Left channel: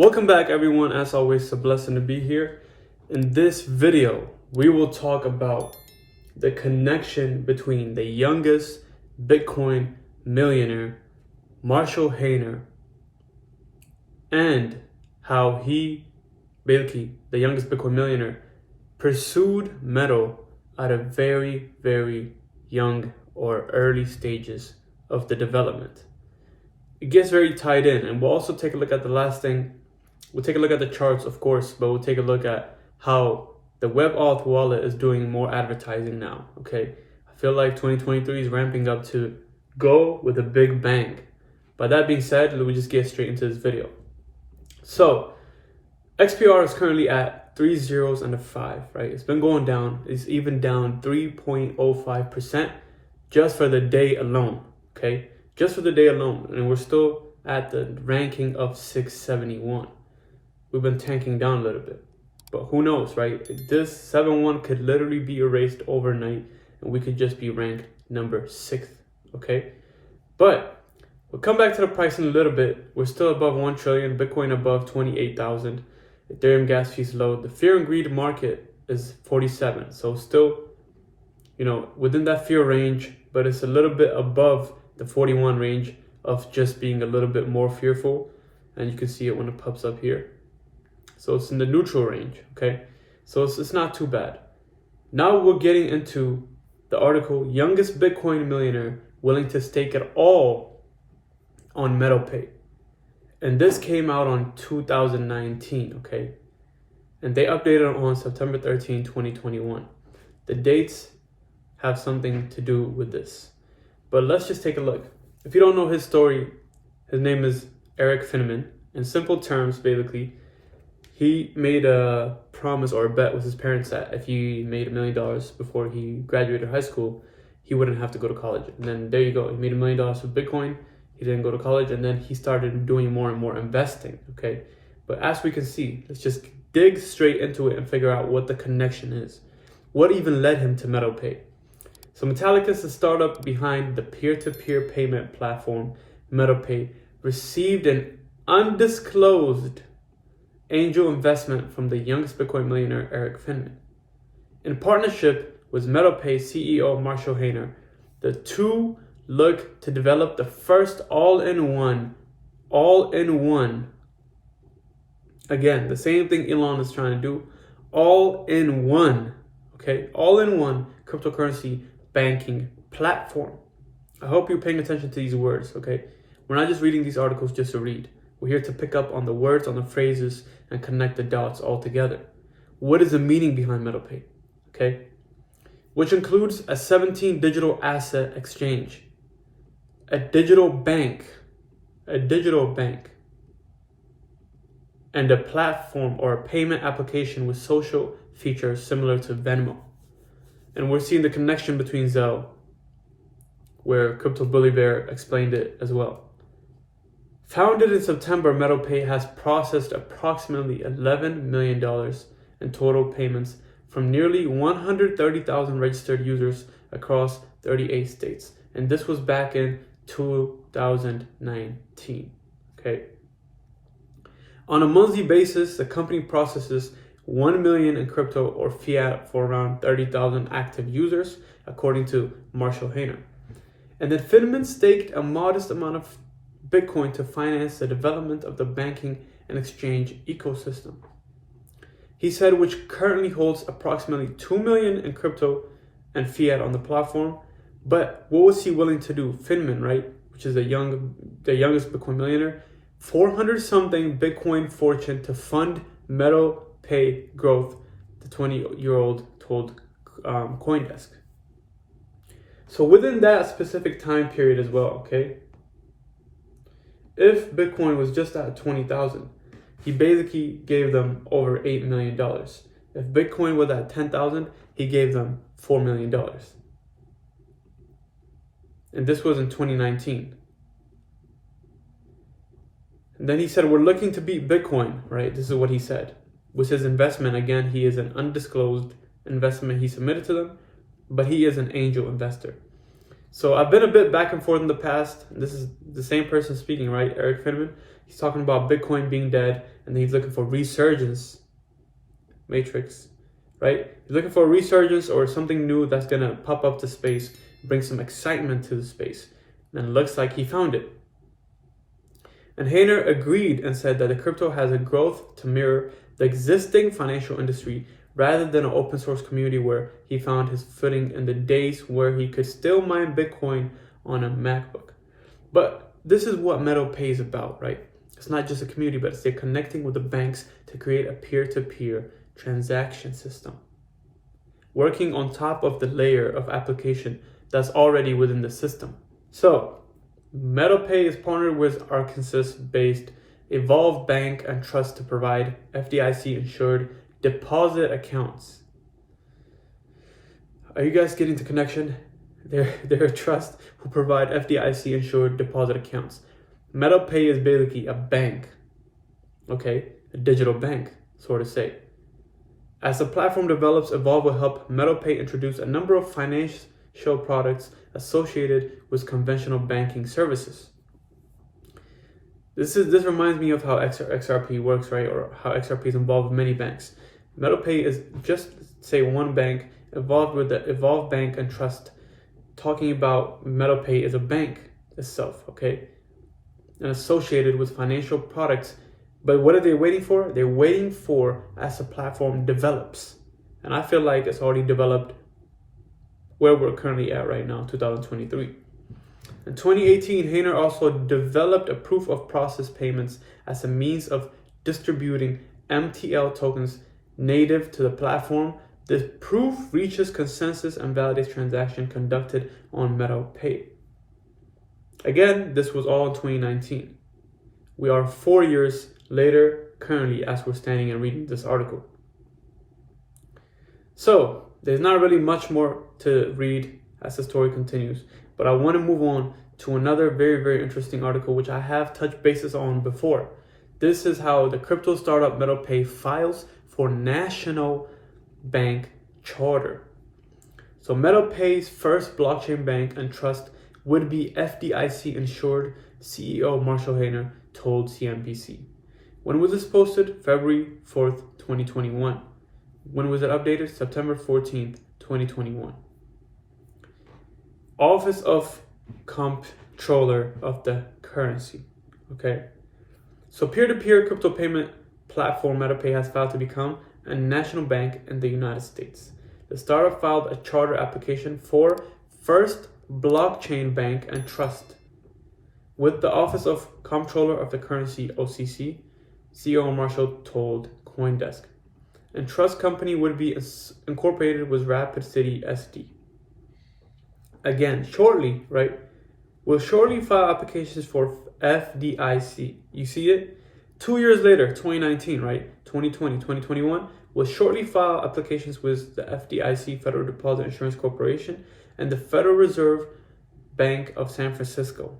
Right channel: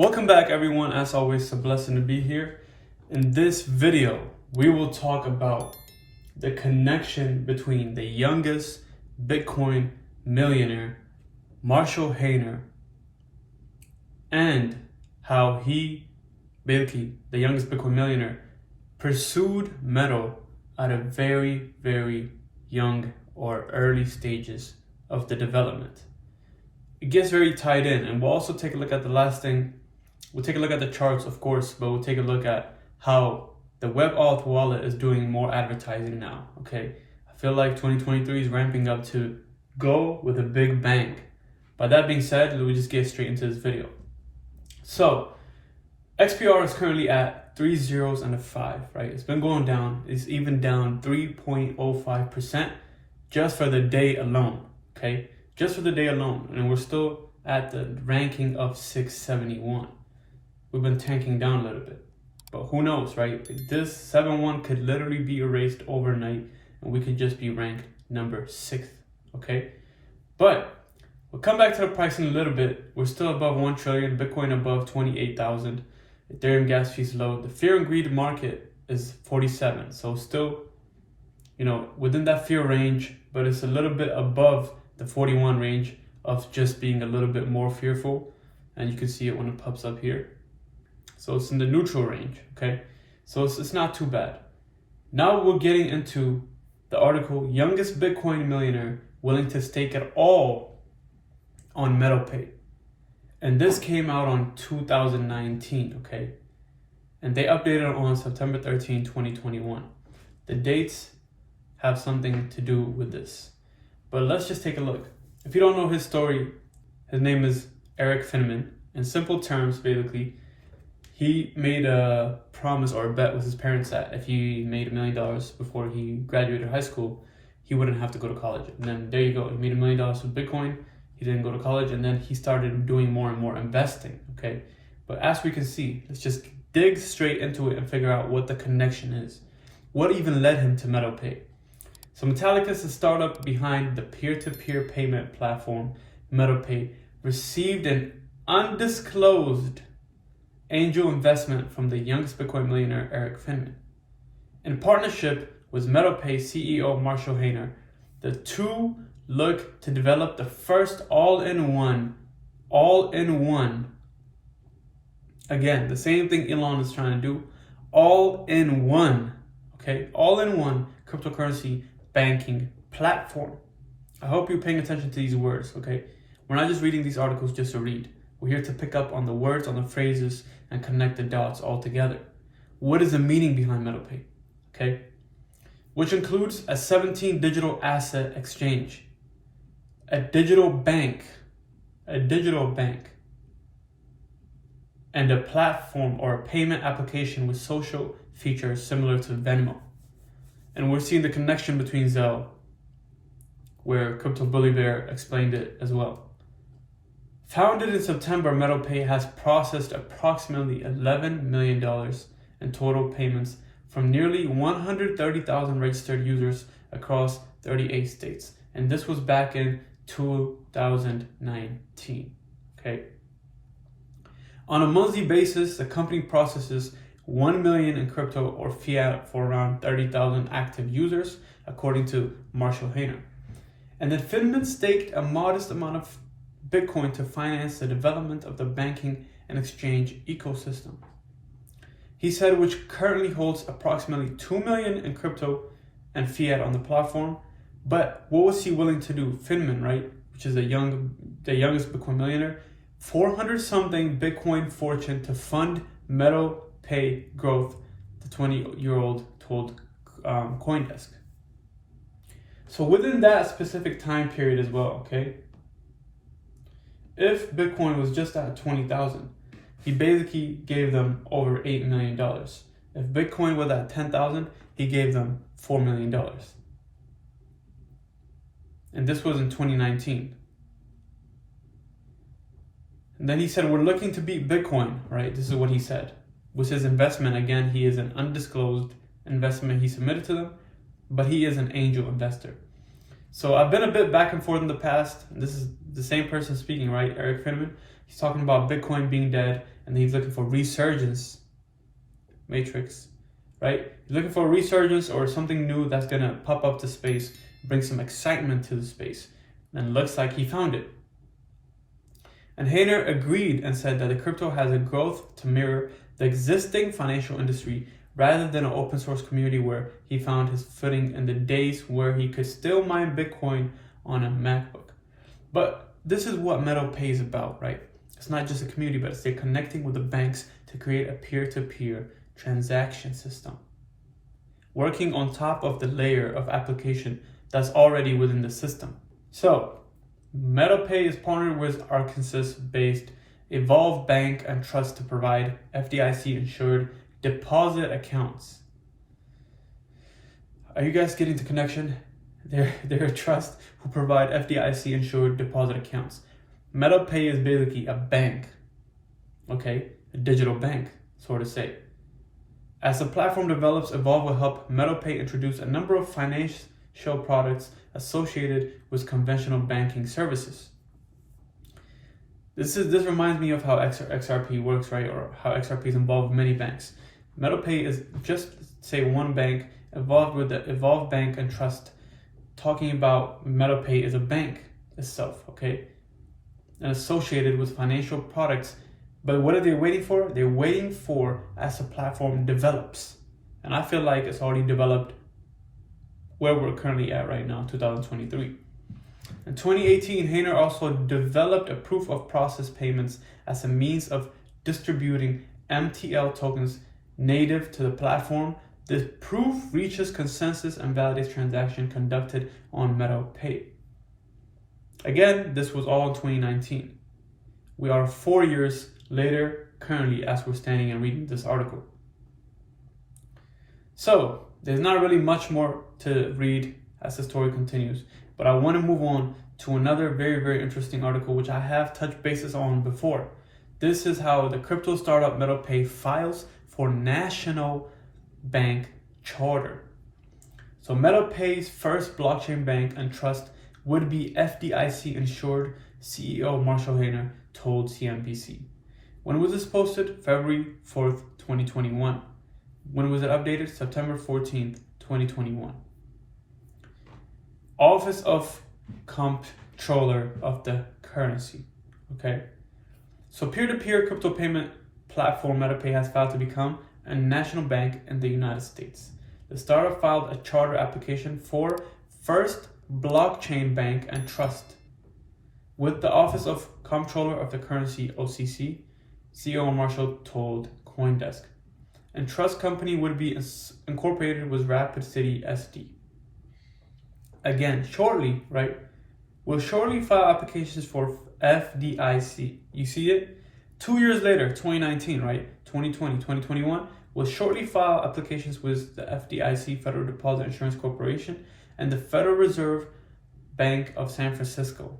Welcome back, everyone. As always, it's a blessing to be here. In this video, we will talk about the connection between the youngest Bitcoin millionaire, Marshall Hayner, and how he, basically the youngest Bitcoin millionaire, pursued metal at a very, very young or early stages of the development. It gets very tied in, and we'll also take a look at the last thing. We'll take a look at the charts, of course, but we'll take a look at how the WebAuth wallet is doing more advertising now, okay? I feel like 2023 is ramping up to go with a big bang. By that being said, let me just get straight into this video. So, XPR is currently at 3 zeros and a 5, right? It's been going down. It's even down 3.05% just for the day alone, okay? Just for the day alone, and we're still at the ranking of 671. We've been tanking down a little bit, but who knows, right? This 7-1 could literally be erased overnight, and we could just be ranked number 6th, okay? But we'll come back to the price in a little bit. We're still above 1 trillion, Bitcoin above 28,000, Ethereum gas fees low. The fear and greed market is 47, so still, within that fear range, but it's a little bit above the 41 range of just being a little bit more fearful, and you can see it when it pops up here. So it's in the neutral range, okay? So it's not too bad. Now we're getting into the article, youngest Bitcoin millionaire willing to stake it all on MetalPay. And this came out on 2019, okay? And they updated on September 13, 2021. The dates have something to do with this. But let's just take a look. If you don't know his story, his name is Eric Finman. In simple terms, basically, he made a promise or a bet with his parents that if he made $1 million before he graduated high school, he wouldn't have to go to college. And then there you go. He made $1 million with Bitcoin. He didn't go to college, and then he started doing more and more investing, okay? But as we can see, let's just dig straight into it and figure out what the connection is. What even led him to MetalPay? So Metallica is the startup behind the peer-to-peer payment platform MetalPay, received an undisclosed angel investment from the youngest Bitcoin millionaire, Eric Finman. In partnership with MetalPay CEO Marshall Hayner, the two look to develop the first all-in-one, again, the same thing Elon is trying to do, all-in-one, okay, all-in-one cryptocurrency banking platform. I hope you're paying attention to these words, okay? We're not just reading these articles just to read. We're here to pick up on the words, on the phrases, and connect the dots all together. What is the meaning behind MetalPay, okay? Which includes a 17 digital asset exchange, a digital bank, and a platform or a payment application with social features similar to Venmo. And we're seeing the connection between Zelle, where Crypto Bully Bear explained it as well. Founded in September, MetalPay has processed approximately $11 million in total payments from nearly 130,000 registered users across 38 states. And this was back in 2019, okay? On a monthly basis, the company processes 1 million in crypto or fiat for around 30,000 active users, according to Marshall Hayner. And then Finman staked a modest amount of Bitcoin to finance the development of the banking and exchange ecosystem. He said, which currently holds approximately 2 million in crypto and fiat on the platform. But what was he willing to do? Finman, right, which is the youngest Bitcoin millionaire, 400 something Bitcoin fortune to fund MetalPay growth, the 20-year-old told CoinDesk. So within that specific time period as well, okay, if Bitcoin was just at 20,000, he basically gave them over $8 million. If Bitcoin was at 10,000, he gave them $4 million. And this was in 2019. And then he said, we're looking to beat Bitcoin, right? This is what he said. With his investment, again, he is an undisclosed investment he submitted to them, but he is an angel investor. So I've been a bit back and forth in the past. This is the same person speaking, right? Eric Finman. He's talking about Bitcoin being dead, and he's looking for resurgence. Matrix, right? He's looking for a resurgence or something new that's gonna pop up to space, bring some excitement to the space. And looks like he found it. And Hayner agreed and said that the crypto has a growth to mirror the existing financial industry rather than an open source community where he found his footing in the days where he could still mine Bitcoin on a MacBook. But this is what MeadowPay is about, right? It's not just a community, but it's they're connecting with the banks to create a peer-to-peer transaction system, working on top of the layer of application that's already within the system. So, MeadowPay is partnered with Arkansas-based Evolve Bank and Trust to provide FDIC-insured deposit accounts. Are you guys getting the connection? They're a trust who provide FDIC-insured deposit accounts. MeadowPay is basically a bank, okay? A digital bank, so to say. As the platform develops, Evolve will help MeadowPay introduce a number of financial products associated with conventional banking services. This reminds me of how XRP works, right? Or how XRP is involved with many banks. MeadowPay is just, say, one bank involved with the Evolve Bank and Trust, talking about MeadowPay as a bank itself, okay? And associated with financial products. But what are they waiting for? They're waiting for as the platform develops. And I feel like it's already developed where we're currently at right now, 2023. In 2018, Hayner also developed a proof of process payments as a means of distributing MTL tokens native to the platform. This proof reaches consensus and validates transactions conducted on MeadowPay. Again, this was all in 2019. We are 4 years later, currently, as we're standing and reading this article. So, there's not really much more to read as the story continues, but I want to move on to another very, very interesting article, which I have touched bases on before. This is how the crypto startup MeadowPay files for national bank charter. So MeadowPay's first blockchain bank and trust would be FDIC insured, CEO Marshall Hayner told CNBC. When was this posted? February 4th, 2021. When was it updated? September 14th, 2021. Office of Comptroller of the Currency. Okay. So peer-to-peer crypto payment platform MeadowPay has filed to become a national bank in the United States. The startup filed a charter application for First Blockchain Bank and Trust with the Office of Comptroller of the Currency, OCC, CEO Marshall told CoinDesk. And trust company would be incorporated with Rapid City SD. Again, shortly, right? We'll shortly file applications for FDIC. You see it? 2 years later, 2019, right? 2020, 2021, will shortly file applications with the FDIC, Federal Deposit Insurance Corporation, and the Federal Reserve Bank of San Francisco.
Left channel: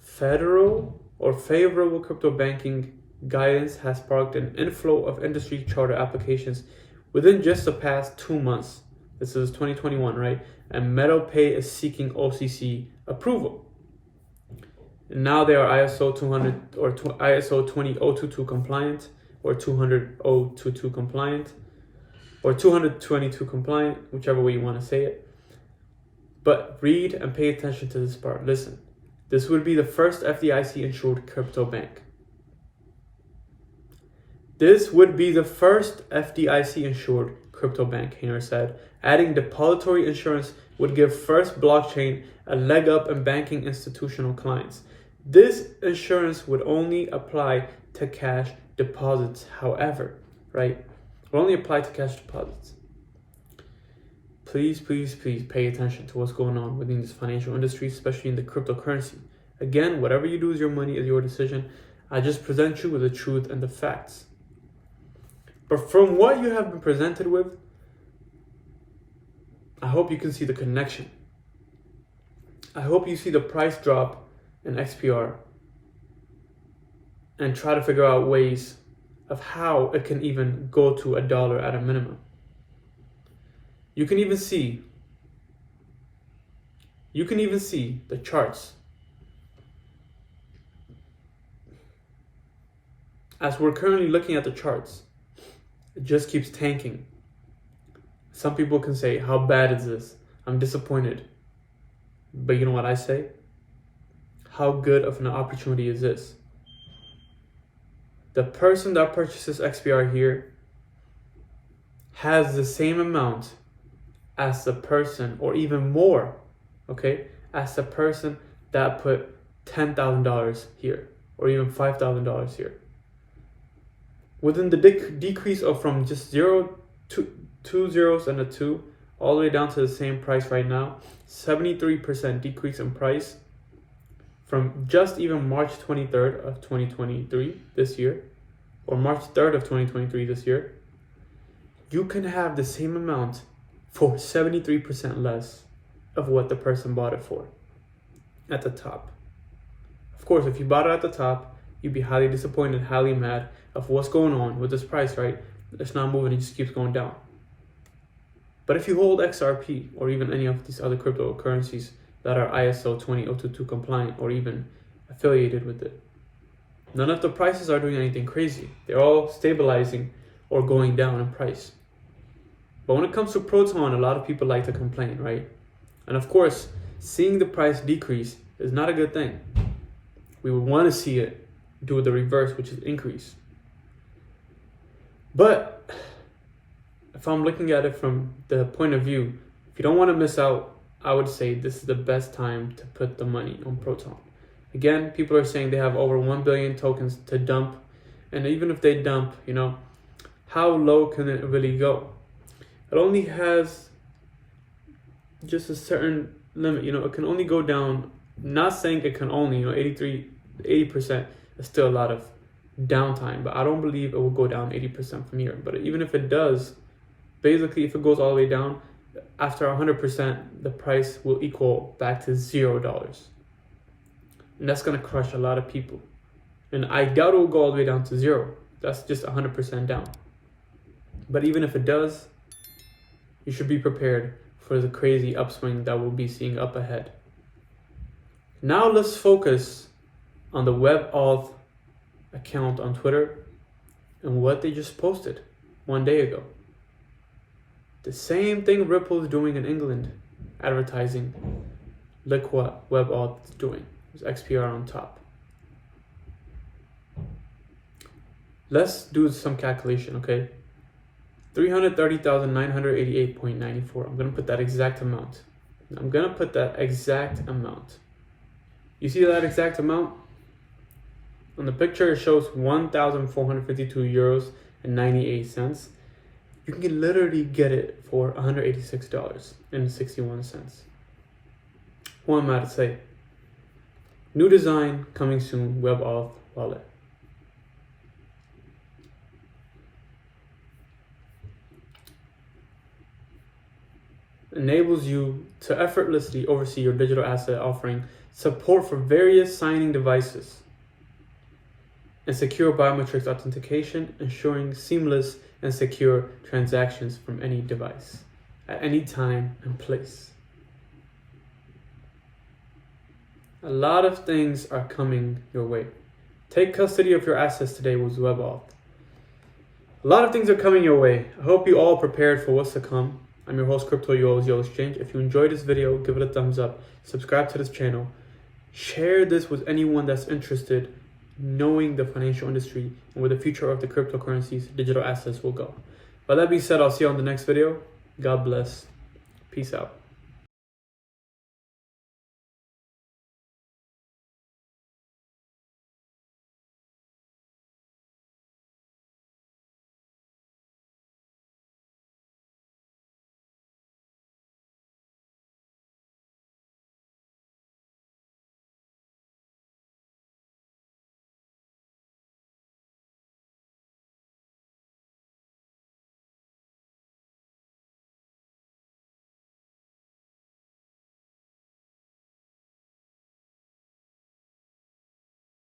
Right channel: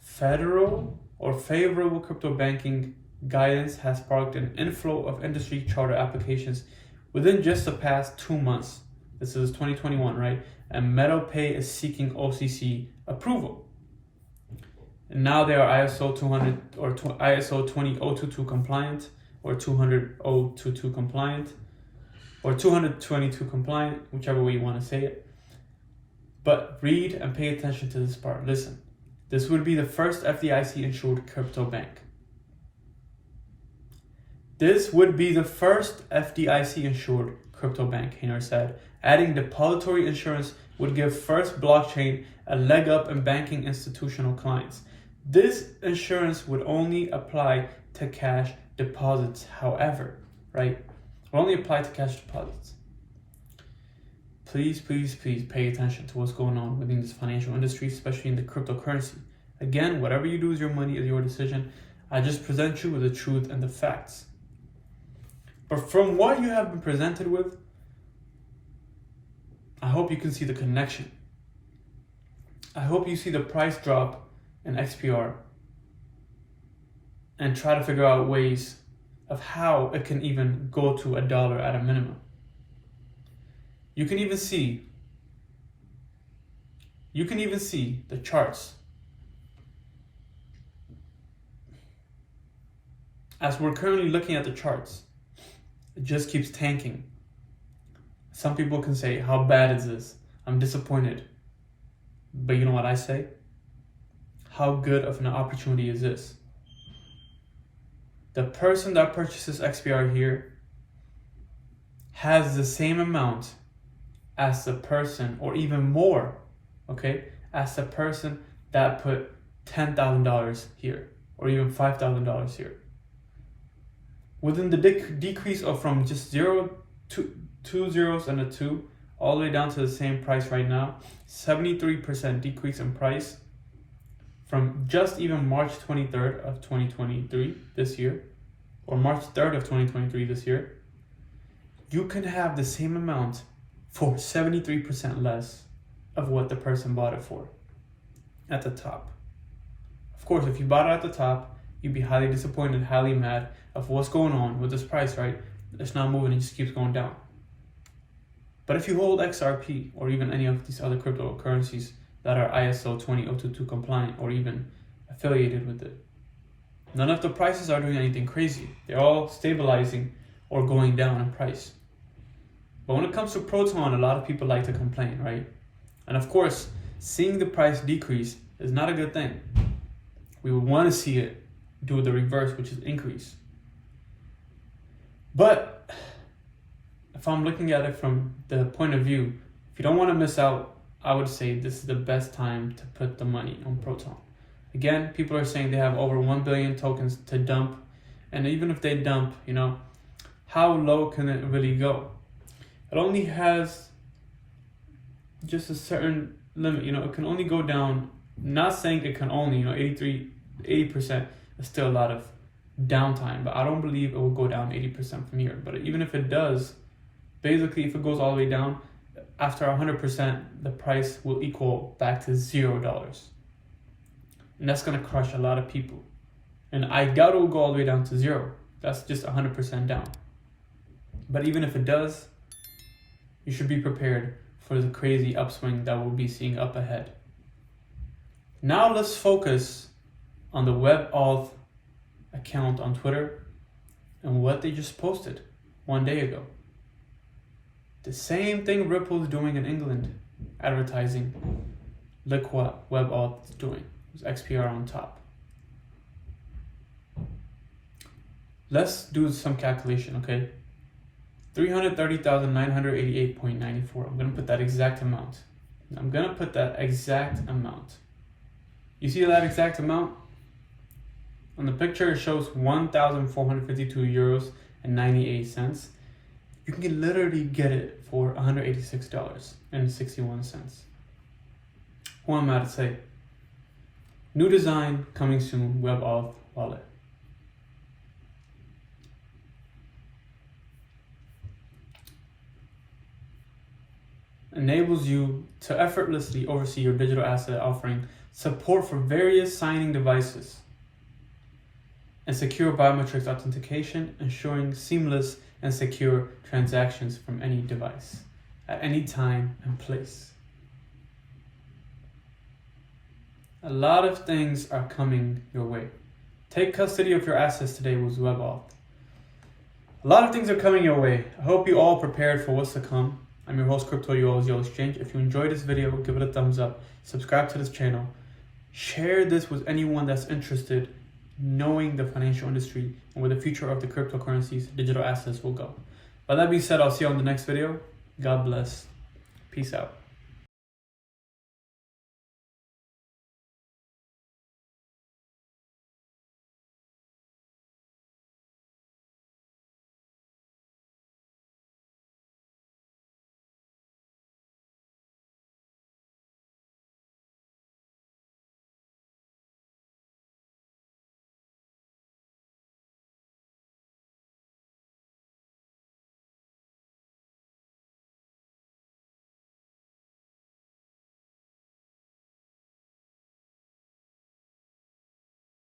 Federal or favorable crypto banking guidance has sparked an inflow of industry charter applications within just the past 2 months. This is 2021, right? And MeadowPay is seeking OCC approval. And now they are ISO 200 or ISO 20022 compliant, or 20022 compliant, or 222 compliant, whichever way you want to say it. But read and pay attention to this part. Listen, this would be the first FDIC insured crypto bank. This would be the first FDIC insured crypto bank, Hayner said. Adding depository insurance would give First Blockchain a leg up in banking institutional clients. This insurance would only apply to cash deposits, however, right? Will only apply to cash deposits. Please, please, please pay attention to what's going on within this financial industry, especially in the cryptocurrency. Again, whatever you do with your money is your decision. I just present you with the truth and the facts. But from what you have been presented with, I hope you can see the connection. I hope you see the price drop in XPR and try to figure out ways of how it can even go to $1 at a minimum. You can even see You can even see the charts. As we're currently looking at the charts, it just keeps tanking. Some people can say, how bad is this? I'm disappointed. But you know what I say? How good of an opportunity is this? The person that purchases XPR here has the same amount as the person, or even more, okay, as the person that put $10,000 here, or even $5,000 here. Within the decrease of from just two zeros and a 2 all the way down to the same price right now, 73% decrease in price from just even March 23rd of 2023 this year, or March 3rd of 2023 this year, you can have the same amount for 73% less of what the person bought it for at the top. Of course, if you bought it at the top, you'd be highly disappointed, highly mad of what's going on with this price, right? It's not moving, it just keeps going down. But if you hold XRP or even any of these other cryptocurrencies that are ISO 20022 compliant or even affiliated with it, none of the prices are doing anything crazy. They're all stabilizing or going down in price. But when it comes to Proton, a lot of people like to complain, right? And of course, seeing the price decrease is not a good thing. We would want to see it do the reverse, which is increase. But if I'm looking at it from the point of view, if you don't want to miss out, I would say this is the best time to put the money on Proton. Again, people are saying they have over 1 billion tokens to dump. And even if they dump, you know, how low can it really go? It only has just a certain limit, you know, it can only go down, not saying it can only, you know, 80% is still a lot of downtime, but I don't believe it will go down 80% from here. But even if it does, basically if it goes all the way down, after 100%, the price will equal back to $0. And that's gonna crush a lot of people. And I doubt it will go all the way down to 0. That's just 100% down. But even if it does, you should be prepared for the crazy upswing that we'll be seeing up ahead. Now let's focus on the WebAuth account on Twitter and what they just posted 1 day ago. The same thing Ripple is doing in England, advertising. Look what WebAuth is doing. There's XPR on top. Let's do some calculation, okay? 330,988.94. I'm gonna put that exact amount. You see that exact amount? On the picture, it shows 1,452 euros and 98 cents. You can literally get it for $186.61. Who am I to say? New design coming soon, WebAuth wallet. Enables you to effortlessly oversee your digital asset, offering support for various signing devices and secure biometrics authentication, ensuring seamless and secure transactions from any device at any time and place. A lot of things are coming your way. Take custody of your assets today with WebAuth. A lot of things are coming your way. I hope you all prepared for what's to come. I'm your host, Crypto Yo Exchange. If you enjoyed this video, give it a thumbs up. Subscribe to this channel. Share this with anyone that's interested in knowing the financial industry and where the future of the cryptocurrencies, digital assets will go. By that being said, I'll see you on the next video. God bless. Peace out.